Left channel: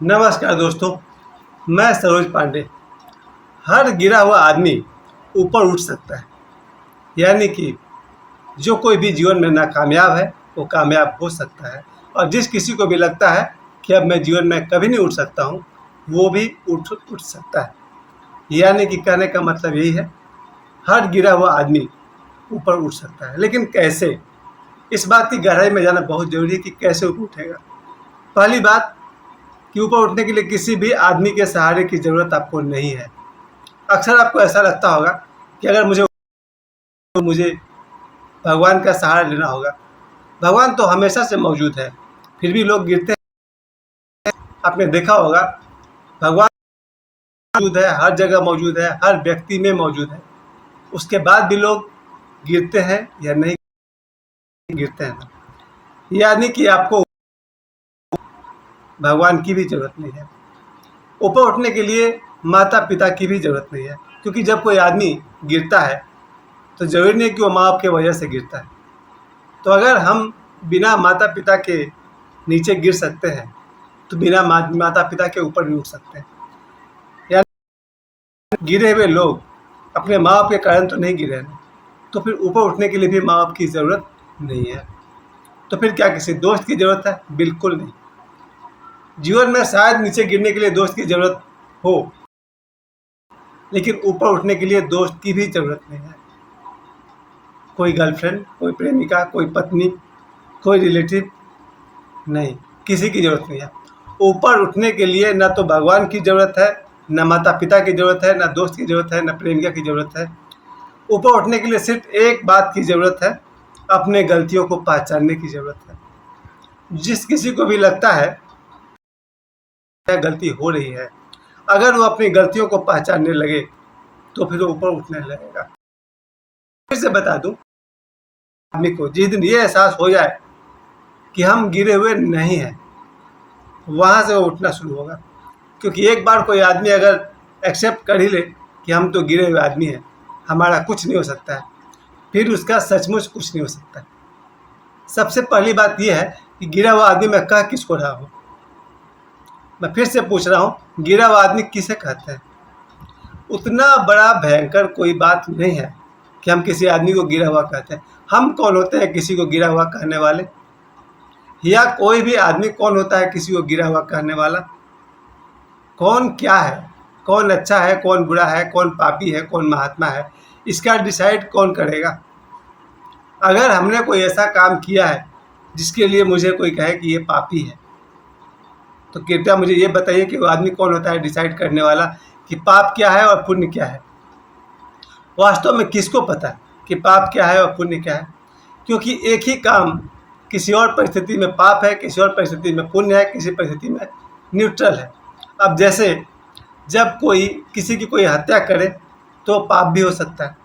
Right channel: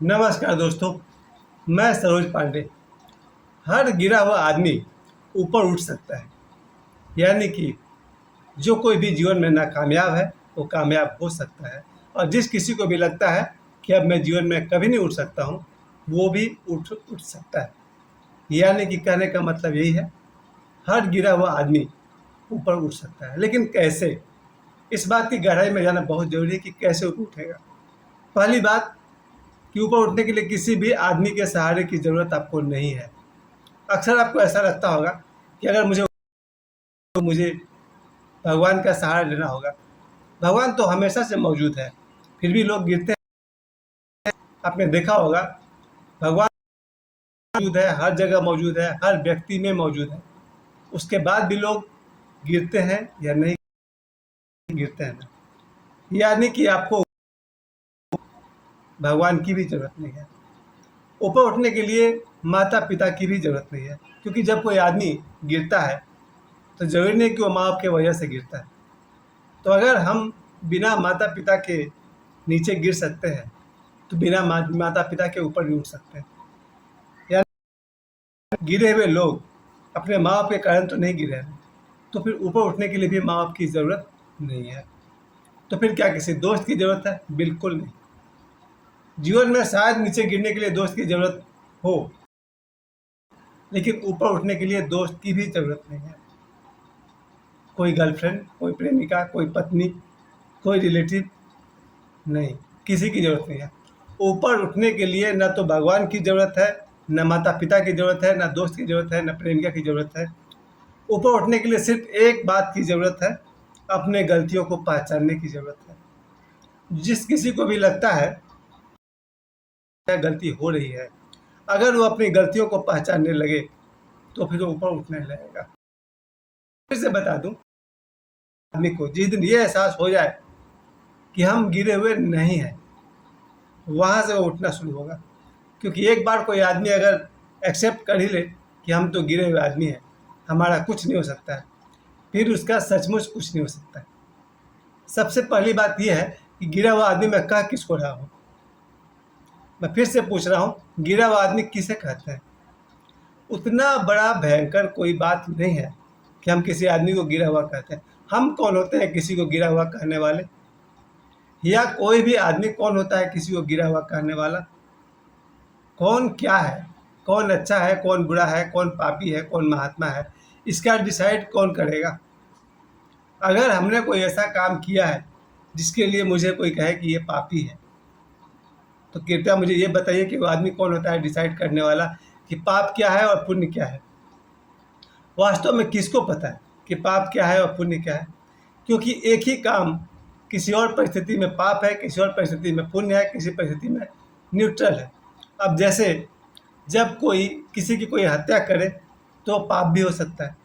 नमस्कार दोस्तों, मैं सरोज पांडे। हर गिरा हुआ आदमी ऊपर उठ सकता है। यानी कि जो कोई भी जीवन में नाकामयाब है वो कामयाब हो सकता है, और जिस किसी को भी लगता है कि अब मैं जीवन में कभी नहीं उठ सकता हूँ, वो भी उठ सकता है। यानी कि कहने का मतलब यही है, हर गिरा हुआ आदमी ऊपर उठ सकता है। लेकिन कैसे? इस बात की गहराई में जाना बहुत ज़रूरी है कि कैसे ऊपर उठेगा। पहली बात कि ऊपर उठने के लिए किसी भी आदमी के सहारे की ज़रूरत आपको नहीं है। अक्सर आपको ऐसा लगता होगा कि अगर मुझे भगवान का सहारा लेना होगा। भगवान तो हमेशा से मौजूद है, फिर भी लोग गिरते हैं। आपने देखा होगा, भगवान मौजूद है, हर जगह मौजूद है, हर व्यक्ति में मौजूद है। उसके बाद भी लोग गिरते हैं या नहीं गिरते हैं। यानी कि आपको भगवान की भी ज़रूरत नहीं है। ऊपर उठने के लिए माता पिता की भी ज़रूरत नहीं है, क्योंकि जब कोई आदमी गिरता है तो ज़रूरी नहीं कि वो माँ बाप की वजह से गिरता है। तो अगर हम बिना माता पिता के नीचे गिर सकते हैं, तो बिना माता पिता के ऊपर भी उठ सकते हैं। यानी गिरे हुए लोग अपने माँ बाप के कारण तो नहीं गिरे हैं, तो फिर ऊपर उठने के लिए भी माँ बाप की ज़रूरत नहीं है। तो फिर क्या किसी दोस्त की ज़रूरत है? बिल्कुल नहीं। जीवन में शायद नीचे गिरने के लिए दोस्त की ज़रूरत हो, लेकिन ऊपर उठने के लिए दोस्त की भी ज़रूरत नहीं है। कोई गर्लफ्रेंड, कोई प्रेमिका, कोई पत्नी, कोई रिलेटिव नहीं, किसी की ज़रूरत नहीं है। ऊपर उठने के लिए ना तो भगवान की ज़रूरत है, ना माता पिता की ज़रूरत है, ना दोस्त की ज़रूरत है, ना प्रेमिका की ज़रूरत है। ऊपर उठने के लिए सिर्फ एक बात की ज़रूरत है, अपने गलतियों को पहचानने की ज़रूरत है। जिस किसी को भी लगता है क्या गलती हो रही है, अगर वो अपनी गलतियों को पहचानने लगे तो फिर वो ऊपर उठने लगेगा। फिर से बता दूं, आदमी को जिस दिन ये एहसास हो जाए कि हम गिरे हुए नहीं हैं, वहाँ से वो उठना शुरू होगा। क्योंकि एक बार कोई आदमी अगर एक्सेप्ट कर ही ले कि हम तो गिरे हुए आदमी हैं, हमारा कुछ नहीं हो सकता है, फिर उसका सचमुच कुछ नहीं हो सकता है। सबसे पहली बात यह है कि गिरा हुआ आदमी मैं कह किसको रहा हूँ। मैं फिर से पूछ रहा हूँ, गिरा हुआ आदमी किसे कहते हैं? उतना बड़ा भयंकर कोई बात नहीं है कि हम किसी आदमी को गिरा हुआ कहते हैं। हम कौन होते हैं किसी को गिरा हुआ कहने वाले? या कोई भी आदमी कौन होता है किसी को गिरा हुआ कहने वाला? कौन क्या है, कौन अच्छा है, कौन बुरा है, कौन पापी है, कौन महात्मा है, इसका डिसाइड कौन करेगा? अगर हमने कोई ऐसा काम किया है जिसके लिए मुझे कोई कहे कि ये पापी है, तो कृपया मुझे ये बताइए कि वो आदमी कौन होता है डिसाइड करने वाला कि पाप क्या है और पुण्य क्या है? वास्तव में किसको पता है कि पाप क्या है और पुण्य क्या है? क्योंकि एक ही काम किसी और परिस्थिति में पाप है, किसी और परिस्थिति में पुण्य है, किसी परिस्थिति में न्यूट्रल है। अब जैसे जब कोई किसी की कोई हत्या करे तो पाप भी हो सकता है,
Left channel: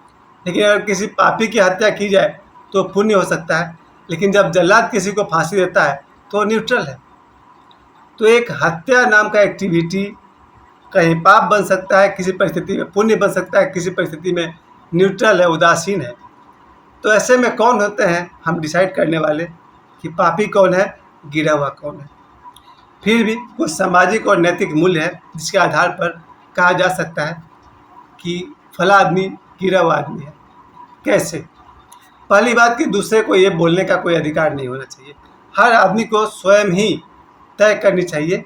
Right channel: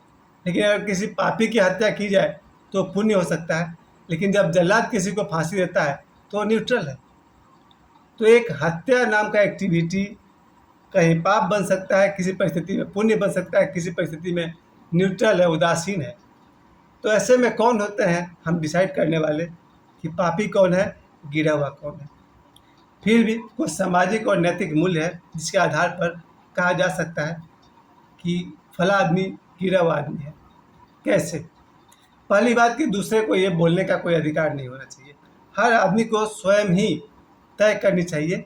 लेकिन अगर किसी पापी की हत्या की जाए तो पुण्य हो सकता है। लेकिन जब जल्लाद किसी को फांसी देता है तो न्यूट्रल है। तो एक हत्या नाम का एक्टिविटी कहीं पाप बन सकता है, किसी परिस्थिति में पुण्य बन सकता है, किसी परिस्थिति में न्यूट्रल है, उदासीन है। तो ऐसे में कौन होते हैं हम डिसाइड करने वाले कि पापी कौन है, गिरा हुआ कौन है? फिर भी कुछ सामाजिक और नैतिक मूल्य है जिसके आधार पर कहा जा सकता है कि फला आदमी गिरा हुआ आदमी है। कैसे? पहली बात कि दूसरे को ये बोलने का कोई अधिकार नहीं होना चाहिए। हर आदमी को स्वयं ही तय करनी चाहिए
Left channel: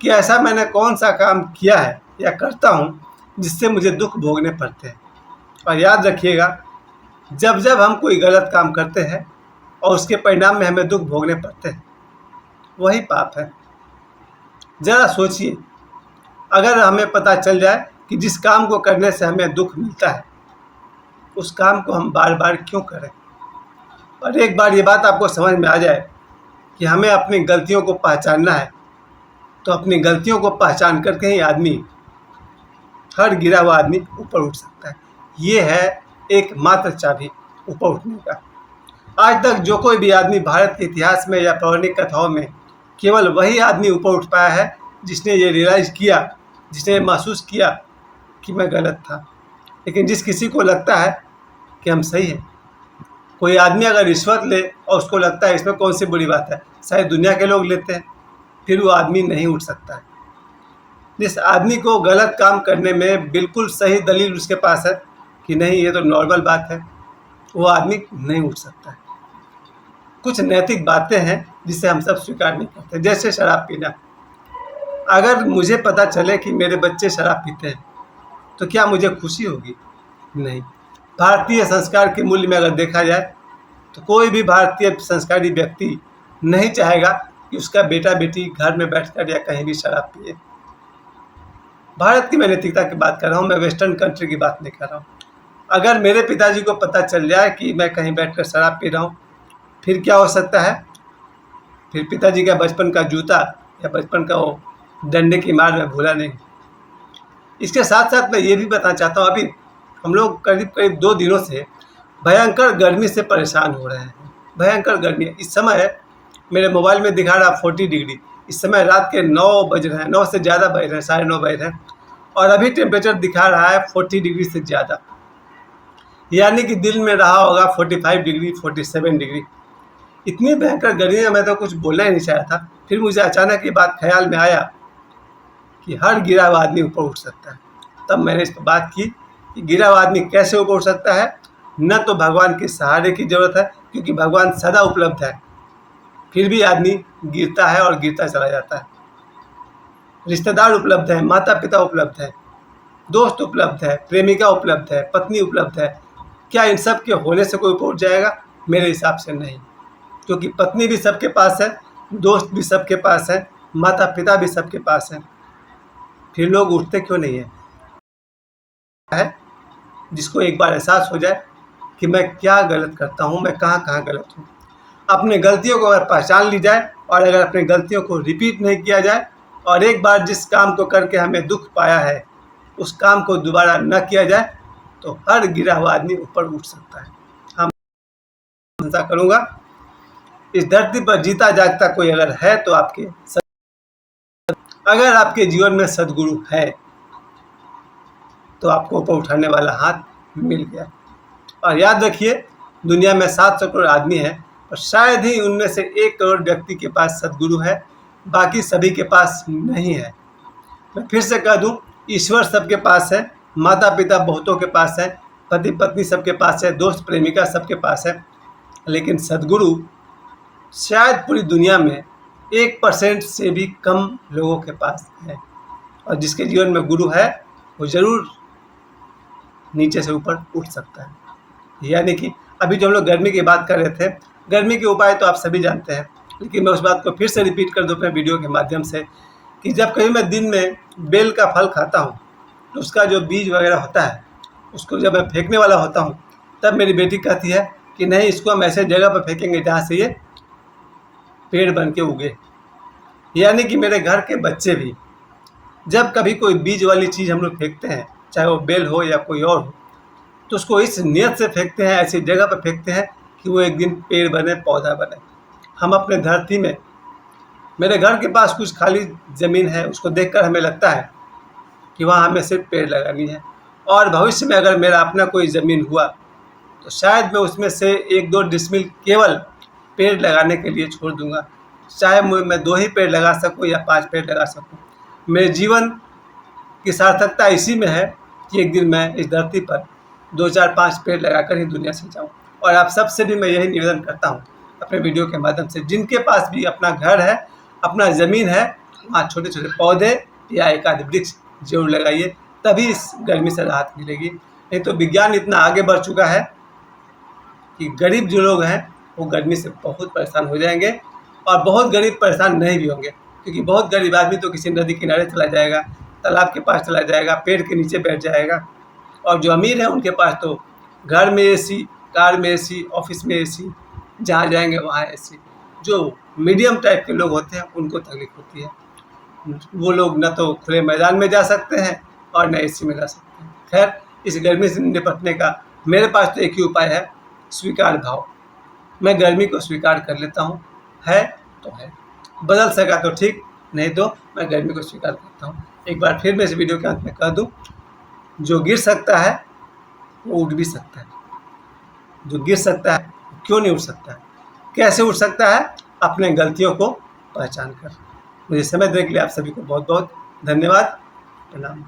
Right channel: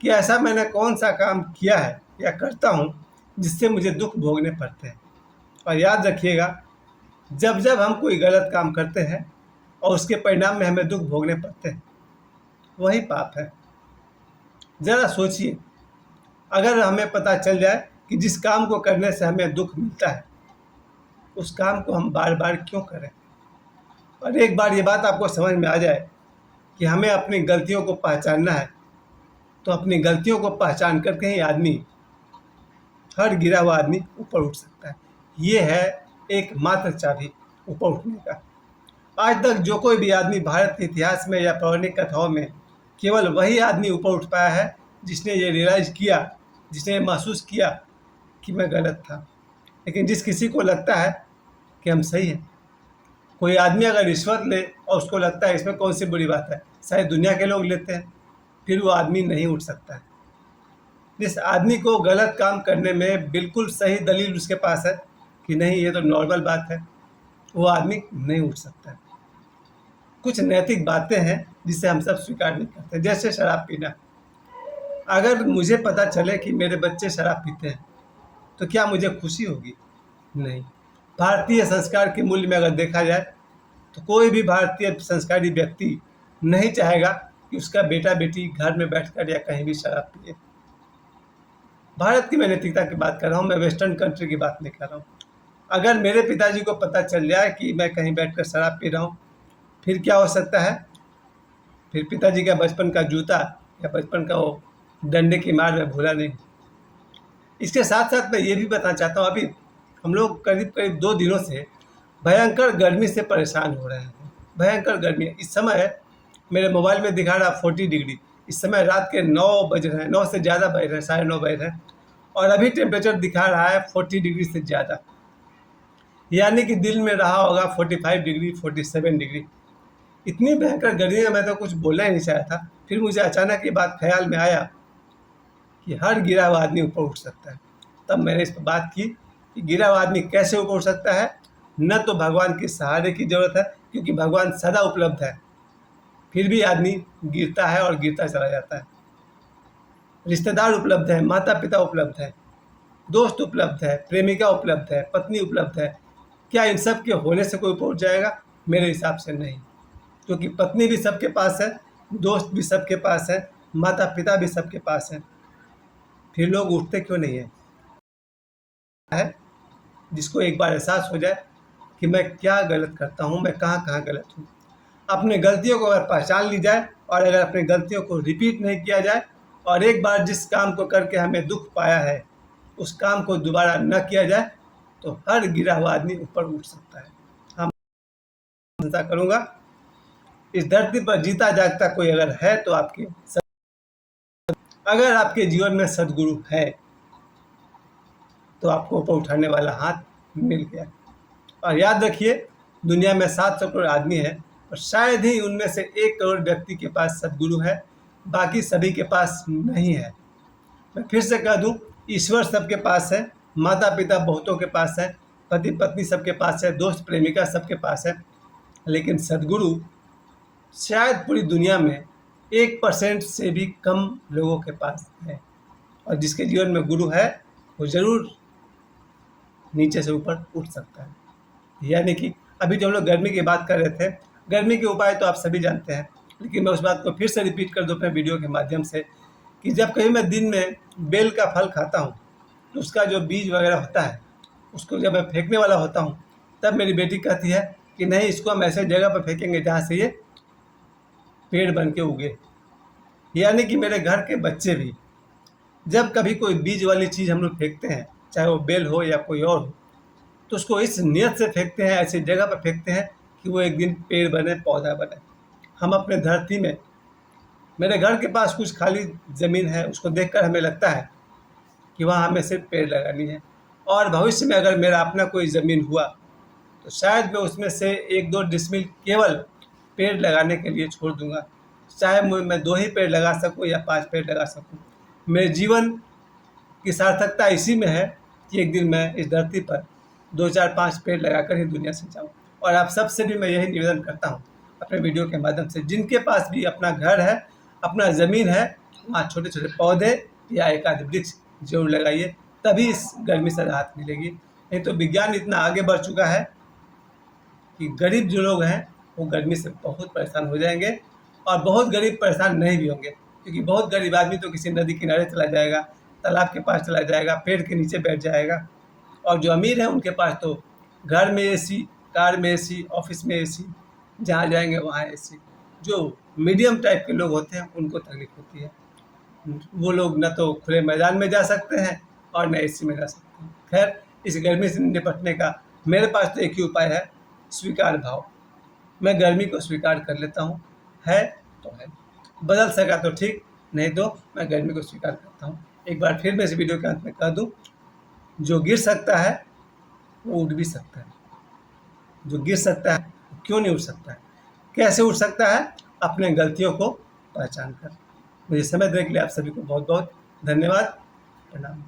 कि ऐसा मैंने कौन सा काम किया है या करता हूँ जिससे मुझे दुख भोगने पड़ते हैं। और याद रखिएगा, जब जब हम कोई गलत काम करते हैं और उसके परिणाम में हमें दुख भोगने पड़ते हैं, वही पाप है। ज़रा सोचिए, अगर हमें पता चल जाए कि जिस काम को करने से हमें दुख मिलता है, उस काम को हम बार बार क्यों करें? और एक बार ये बात आपको समझ में आ जाए कि हमें अपनी गलतियों को पहचानना है, तो अपनी गलतियों को पहचान करके ही आदमी, हर गिरा हुआ आदमी ऊपर उठ सकता है। ये है एकमात्र चाबी ऊपर उठने का। आज तक जो कोई भी आदमी भारत के इतिहास में या पौराणिक कथाओं में, केवल वही आदमी ऊपर उठ पाया है जिसने ये रियलाइज़ किया, जिसने महसूस किया कि मैं गलत था। लेकिन जिस किसी को लगता है कि हम सही हैं, कोई आदमी अगर रिश्वत ले और उसको लगता है इसमें कौन सी बुरी बात है, सारी दुनिया के लोग लेते हैं, फिर वो आदमी नहीं उठ सकता है। जिस आदमी को गलत काम करने में बिल्कुल सही दलील उसके पास है कि नहीं ये तो नॉर्मल बात है, वो आदमी नहीं उठ सकता है। कुछ नैतिक बातें हैं जिसे हम सब स्वीकार नहीं करते, जैसे शराब पीना। अगर मुझे पता चले कि मेरे बच्चे शराब पीते हैं तो क्या मुझे खुशी होगी? नहीं। भारतीय संस्कार के मूल्य में अगर देखा जाए तो कोई भी भारतीय संस्कारी व्यक्ति नहीं चाहेगा कि उसका बेटा बेटी घर में बैठकर या कहीं भी शराब पिए। भारत की मैं नैतिकता की बात कर रहा हूँ, मैं वेस्टर्न कंट्री की बात नहीं कर रहा हूँ। अगर मेरे पिताजी को पता चल जाए कि मैं कहीं बैठकर शराब पी रहा हूँ, फिर क्या हो सकता है? फिर पिताजी का बचपन का जूता या बचपन का वो डंडे की मार मैं भूला नहीं। इसके साथ साथ मैं ये भी बताना चाहता हूँ, अभी हम लोग करीब करीब 2 दिनों से भयंकर गर्मी से परेशान हो रहे हैं। भयंकर गर्मी इस समय मेरे मोबाइल में दिखा रहा 40 डिग्री। इस समय रात के 9 बज रहे हैं, 9 से ज़्यादा बज रहे हैं, 9:30 बज रहे हैं और अभी टेम्परेचर दिखा रहा है 40 डिग्री से ज़्यादा, यानी कि दिल में रहा होगा 45 डिग्री, 47 डिग्री। इतनी भयंकर गर्मी है, मैं तो कुछ बोलना ही नहीं चाहा था। फिर मुझे अचानक ये बात ख्याल में आया कि हर गिरा हुआ आदमी ऊपर उठ सकता है। तब मैंने इस पर बात की कि गिरा हुआ आदमी कैसे ऊपर उठ सकता है। न तो भगवान के सहारे की ज़रूरत है, क्योंकि भगवान सदा उपलब्ध है, फिर भी आदमी गिरता है और गिरता चला जाता है। रिश्तेदार उपलब्ध है, माता पिता उपलब्ध है, दोस्त उपलब्ध है, प्रेमिका उपलब्ध है, पत्नी उपलब्ध है। क्या इन सब के होने से कोई ऊपर उठ जाएगा? मेरे हिसाब से नहीं, क्योंकि पत्नी भी सबके पास है, दोस्त भी सबके पास है, माता पिता भी सबके पास है। फिर लोग उठते क्यों नहीं है? जिसको एक बार एहसास हो जाए कि मैं क्या गलत करता हूँ, मैं कहाँ कहाँ गलत हूँ। अपने गलतियों को अगर पहचान ली जाए और अगर अपनी गलतियों को रिपीट नहीं किया जाए और एक बार जिस काम को करके हमें दुख पाया है उस काम को दोबारा न किया जाए तो हर गिरा हुआ आदमी ऊपर उठ सकता है। हम प्रशंसा करूँगा, इस धरती पर जीता जागता कोई अगर है तो अगर आपके जीवन में सद्गुरु है तो आपको ऊपर उठाने वाला हाथ मिल गया। और याद रखिए, दुनिया में 700 करोड़ आदमी हैं और शायद ही उनमें से 1 करोड़ व्यक्ति के पास सद्गुरु है, बाकी सभी के पास नहीं है। मैं फिर से कह दूं, ईश्वर सबके पास है, माता पिता बहुतों के पास है, पति पत्नी सबके पास है, दोस्त प्रेमिका सबके पास है, लेकिन सद्गुरु शायद पूरी दुनिया में 1% से भी कम लोगों के पास है। और जिसके जीवन में गुरु है वो ज़रूर नीचे से ऊपर उठ सकता है। यानी कि अभी जो हम लोग गर्मी की बात कर रहे थे, गर्मी के उपाय तो आप सभी जानते हैं, लेकिन मैं उस बात को फिर से रिपीट कर दूं अपने वीडियो के माध्यम से कि जब कहीं मैं दिन में बेल का फल खाता हूं तो उसका जो बीज वगैरह होता है उसको जब मैं फेंकने वाला होता हूं तब मेरी बेटी कहती है कि नहीं, इसको हम ऐसे जगह पर फेंकेंगे जहाँ से ये पेड़ बन के उगे। यानी कि मेरे घर के बच्चे भी जब कभी कोई बीज वाली चीज़ हम लोग फेंकते हैं, चाहे वो बेल हो या कोई और हो, तो उसको इस नियत से फेंकते हैं, ऐसी जगह पर फेंकते हैं कि वो एक दिन पेड़ बने, पौधा बने। हम अपने धरती में, मेरे घर के पास कुछ खाली ज़मीन है, उसको देखकर हमें लगता है कि वहाँ हमें सिर्फ पेड़ लगानी है। और भविष्य में अगर मेरा अपना कोई ज़मीन हुआ तो शायद मैं उसमें से 1-2 डिसमिल केवल पेड़ लगाने के लिए छोड़ दूँगा। चाहे मैं 2 ही पेड़ लगा सकूँ या 5 पेड़ लगा सकूँ। मेरे जीवन की सार्थकता इसी में है कि एक दिन मैं इस धरती पर 2-4-5 पेड़ लगाकर ही दुनिया से जाऊँ। और आप सबसे भी मैं यही निवेदन करता हूँ अपने वीडियो के माध्यम से, जिनके पास भी अपना घर है, अपना ज़मीन है, वहाँ छोटे छोटे पौधे या एक आध वृक्ष जरूर लगाइए, तभी इस गर्मी से राहत मिलेगी। नहीं तो विज्ञान इतना आगे बढ़ चुका है कि गरीब जो लोग हैं वो गर्मी से बहुत परेशान हो जाएंगे और बहुत गरीब परेशान नहीं भी होंगे, क्योंकि बहुत गरीब आदमी तो किसी नदी किनारे चला जाएगा, तालाब के पास चला जाएगा, पेड़ के नीचे बैठ जाएगा। और जो अमीर हैं उनके पास तो घर में एसी, कार में एसी, ऑफिस में एसी, जहाँ जाएंगे वहाँ एसी। जो मीडियम टाइप के लोग होते हैं उनको तकलीफ होती है, वो लोग न तो खुले मैदान में जा सकते हैं और न एसी में जा सकते हैं। खैर, इस गर्मी से निपटने का मेरे पास तो एक ही उपाय है, स्वीकार भाव। मैं गर्मी को स्वीकार कर लेता हूँ, है तो है, बदल सका तो ठीक, नहीं तो मैं गर्मी को स्वीकार करता हूँ। एक बार फिर मैं इस वीडियो के अंत में कह दूँ, जो गिर सकता है वो उठ भी सकता है, जो गिर सकता है क्यों नहीं उठ सकता है? कैसे उठ सकता है? अपने गलतियों को पहचान कर। मुझे समय देने के लिए आप सभी को बहुत बहुत धन्यवाद। प्रणाम।